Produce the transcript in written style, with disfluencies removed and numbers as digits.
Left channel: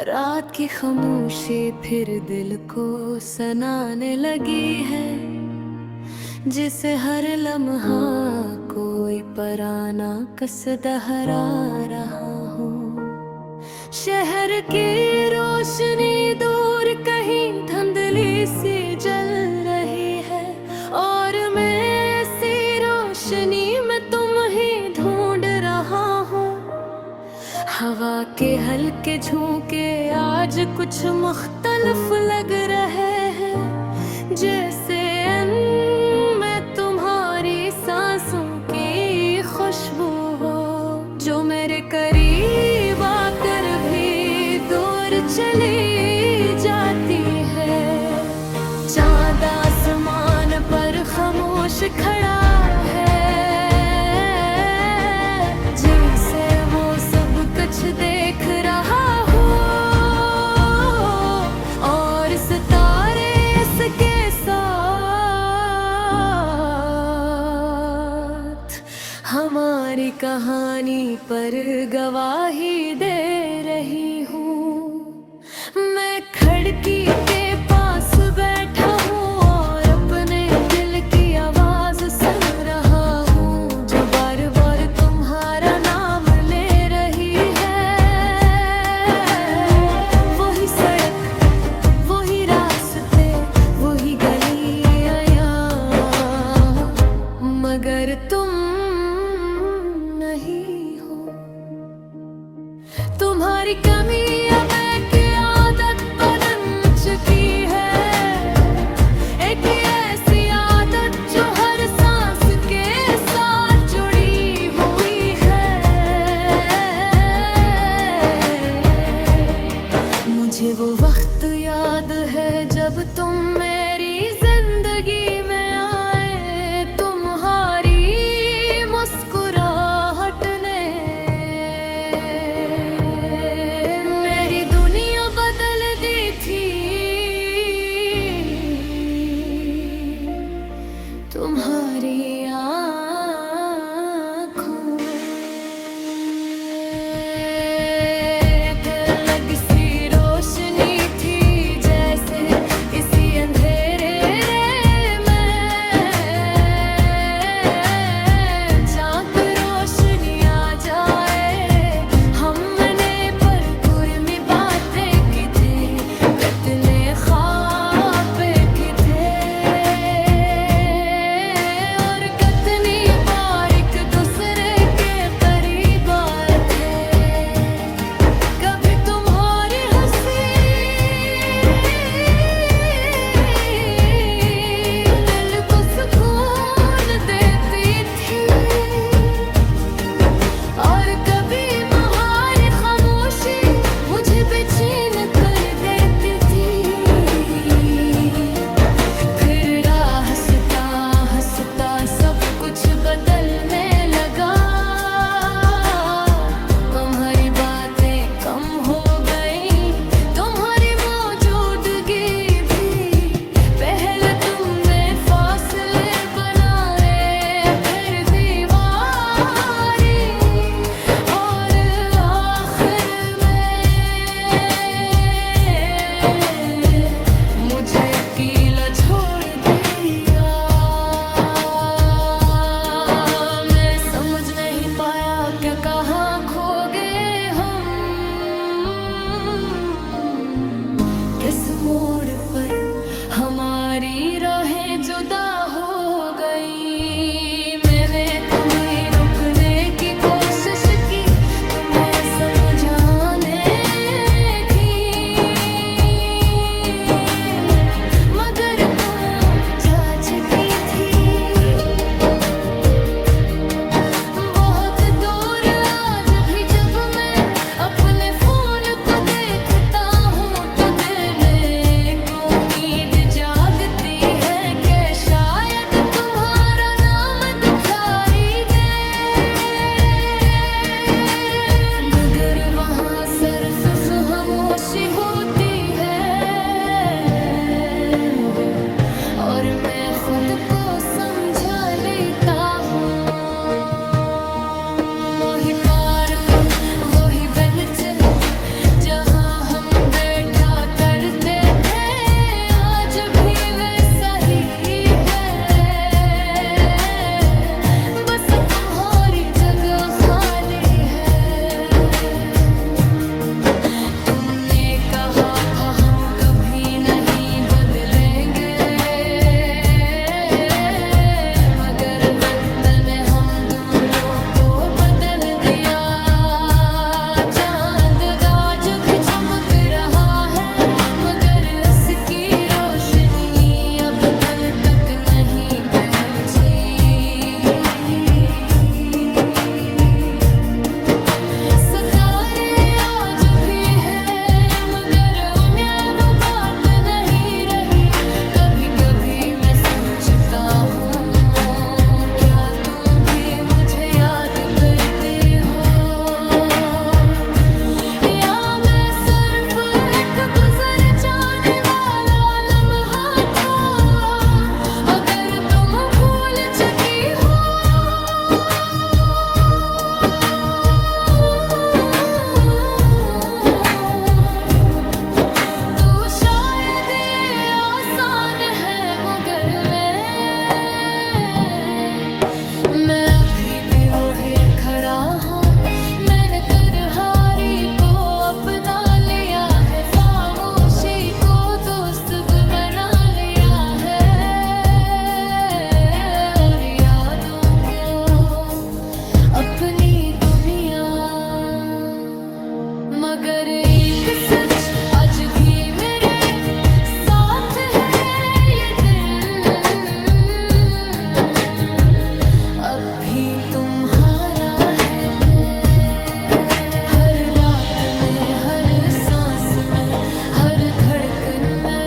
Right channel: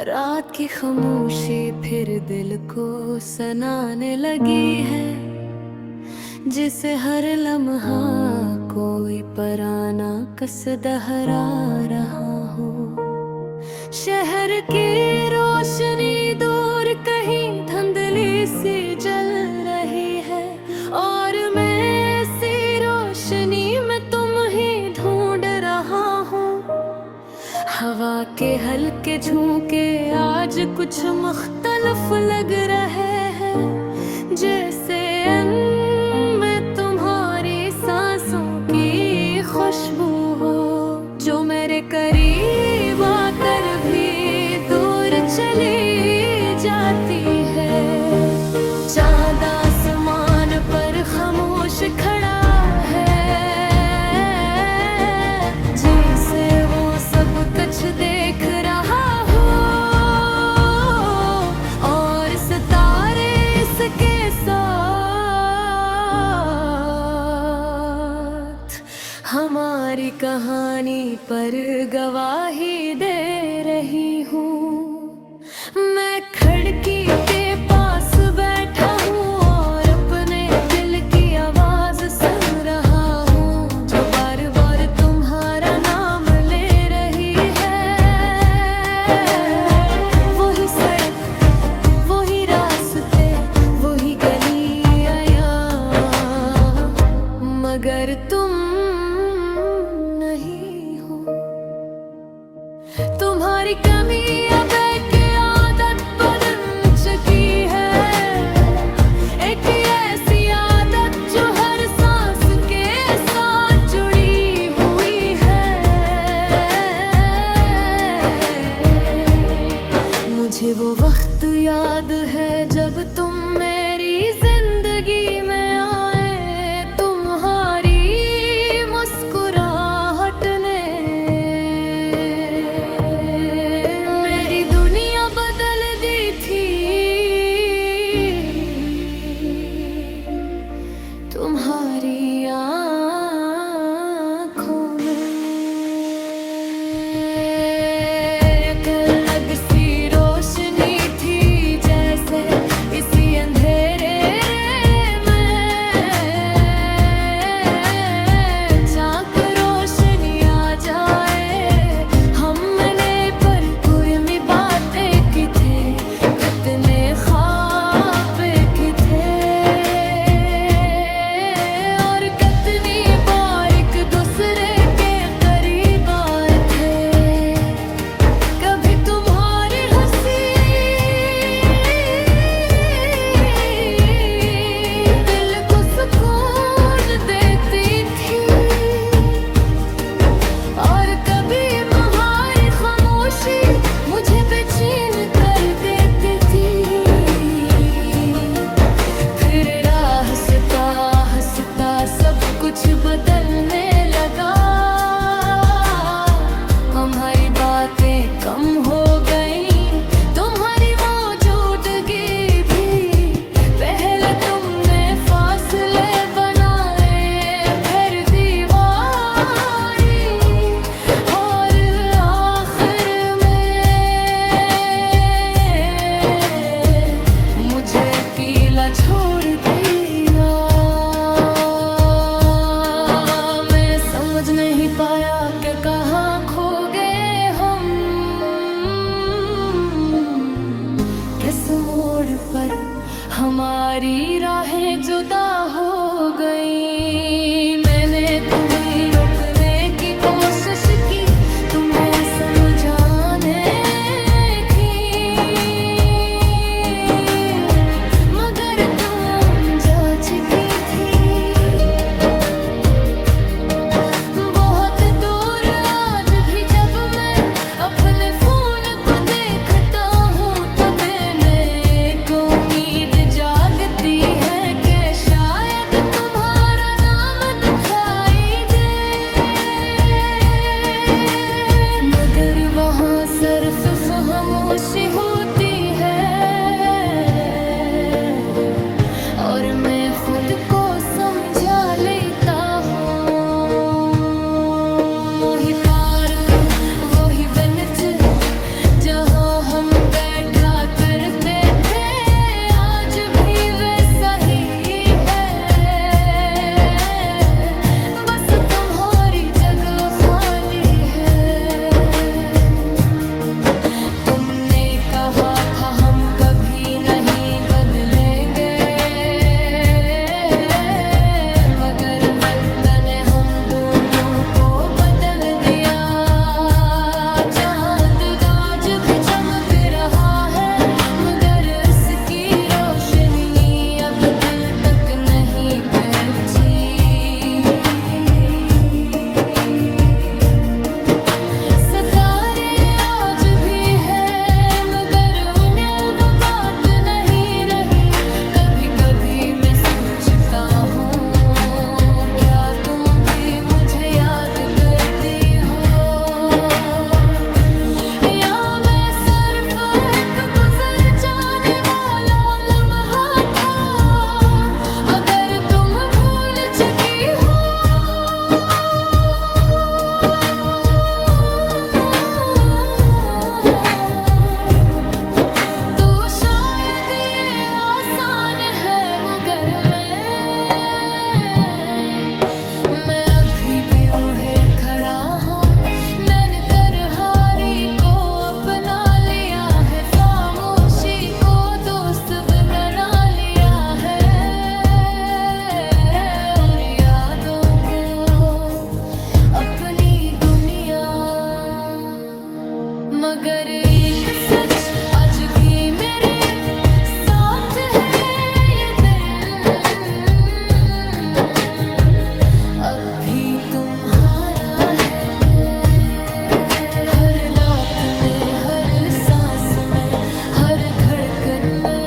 रात की खामोशी फिर दिल को सनाने लगी है, जिसे हर लम्हा कोई पराना कस दहरा रहा हो। शहर की रोशनी दूर कहीं धुंधली सी जल रही है, और मैं इसी रोशनी में तुम ही ढूंढ रहा हूँ। हवा के हल्के झोंके आज कुछ मुख्तलिफ लग रहे हैं, जैसे में तुम्हारी सांसों की खुशबू हो, जो मेरे करीब आकर भी दूर चली जाती है। चांद आसमान पर खामोश खड़ा है, जिसे वो सब कुछ देख रहा हो, और सितारे इसके साथ हमारी कहानी पर गवाही दे रही हूँ। मैं खिड़की के पास बैठा हूँ और अपने दिल की आवाज सुन रहा हूँ, जो बार बार तुम्हारा नाम ले रही है। वही सड़क, वही रास्ते, वही गलियाँ, मगर तुम नहीं हो। तुम्हारी कमी अब एक आदत बन चुकी है, एक ऐसी आदत जो हर सांस के साथ जुड़ी हुई है। मुझे वो वक्त याद है जब तुम मेरी जिंदगी में आए, तुम्हारी मुस्कुराहट ने मेरी दुनिया बदल दी थी। तुम्हारी आँखों में एक अलग सी रोशनी थी, जैसे इसी अंधेरे में चाक रोशनी आ जाए। हमने पर कुर्मी बातें की थे, कितने ख्वाब की थे, और कितनी बार एक दूसरे के करीब आए थे। कभी तुम्हारी हंसी दिल को सुकून देती थी, और कभी तुम्हारी खामोशी मुझे बेचैन कर देती थी। फिर हंसता हंसता सब कुछ बदलने लगा, हमारी बातें कम हो गई, तुम्हारी मौजूदगी भी। पहले तुमने फासले बनाए, फिर दीवारी, और आखिर में मुझे अकेला छोड़ दिया। मैं समझ नहीं पाया कि कहाँ खो गए हम, किस मोड़ पर हमारी राहें जुदा हो गई। मैंने तुम्हें रोकने की कोशिश की, तुम्हें समझाने की, मगर तुम जा चुकी थी। बहुत दूर आज भी जब मैं अपने फोन को देखता हूँ, तो दिल में एक उम्मीद जागती है कि शायद तुम्हारा नाम दिखाई दे, मगर वहाँ करते थे आज भी वैसा ही है, बस तुम्हारी जगह खाली है। तुमने कहा था हम कभी नहीं बदलेंगे, मगर वक्त ने हम दोनों को बदल दिया। चांद आज भी चमक रहा है, मगर उसकी रोशनी अब दिल तक नहीं पहुंची। सितारे आज भी है, मगर उन्हें वो बात नहीं रही। कभी कभी मैं सोचता हूँ, क्या तुम भी मुझे याद करती हो, या मैं सिर्फ एक गुजर जाने वाला लम्हा था। अगर तुम भूल चुकी हो तो शायद ये आसान है, मगर मैं अभी भी वही खड़ा हूँ। मैंने तरहारी को अपना लिया है, खामोशी को दोस्त भी बना लिया है, और यादों को अपनी दुनिया। मगर एक सच आज भी मेरे साथ है, ये दिल अब भी तुम्हारा है। हर रात में, हर सांस में, हर धड़कन में